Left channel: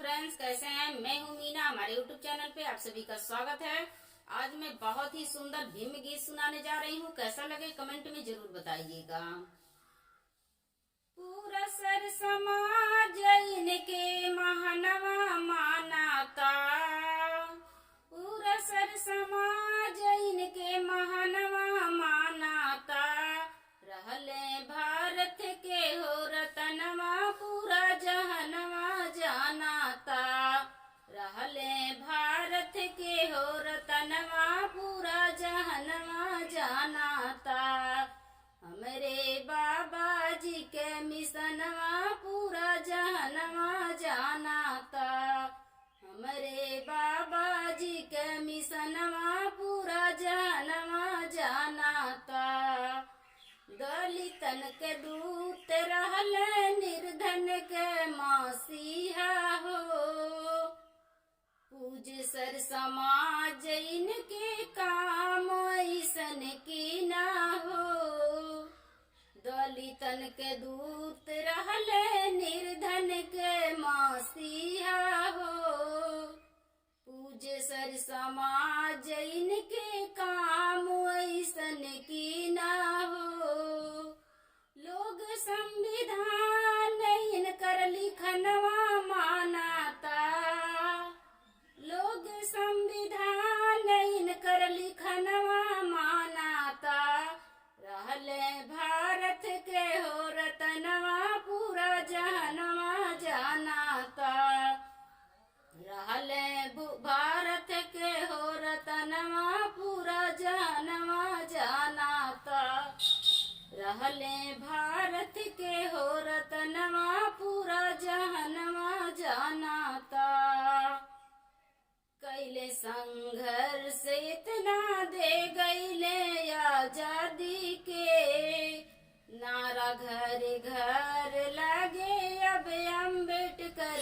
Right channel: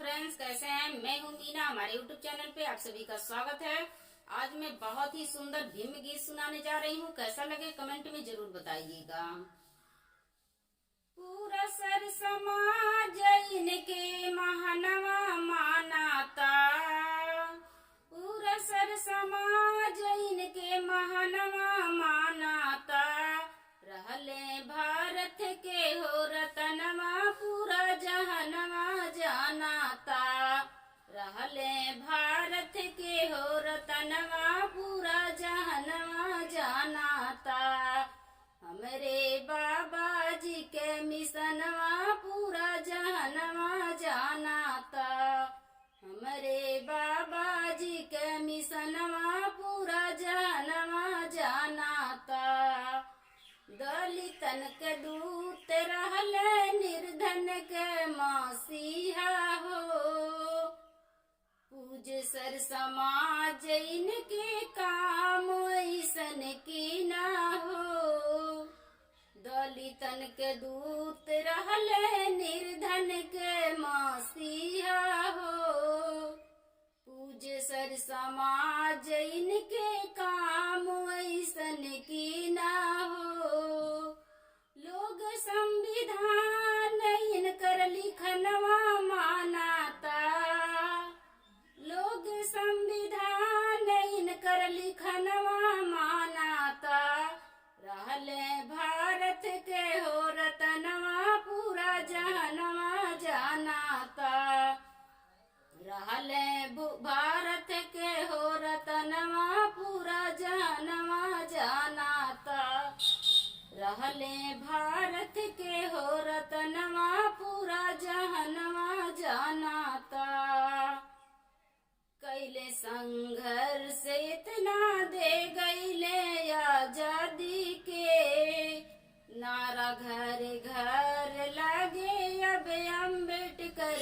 Friends, कैसे हैं? मैं हूं मीना। हमारे यूट्यूब चैनल पे आप सभी का स्वागत है। आज मैं बहुत ही सुंदर भीम गीत सुनाने जा रही हूँ। कैसा लगे कमेंट में जरूर बताइएगा। पूरा सर समाज इनके महानवा मानाता, पूरा सर समाज इनके महानवा मानाता। रहले भारत के हो रतनवा पूरा जहनवा जानाता। रहले भारत के हो रतनवा पूरा जहनवा जानाता। हमरे बाबा जी के मिशनवा पूरा जहनवा जानाता। हमरे बाबा जी के मिशनवा पूरा जहनवा जानाता। दलितन के दूत रहले निर्धन के मसीहा हो। पूज सर समाज इनके काम ऐसन की ना हो। दलितन के दूत रहले निर्धन के मसीहा हो। पूज सर समाज इनके काम ऐसन की ना हो। लोग संविधान इनकर लिखनवा मानाता। लोग संविधान इनकर लिखनवा मानाता। रहले भारत के हो रतनवा पूरा जहनवा जानाता। रहले भारत के हो रतनवा पूरा जहनवा जानाता। रहले भारत के हो रतनवा पूरा जहनवा जानाता। कैले संघर्ष इतना दे गईले आजादी के। नारा घर घर लगे अब अम्बेडकर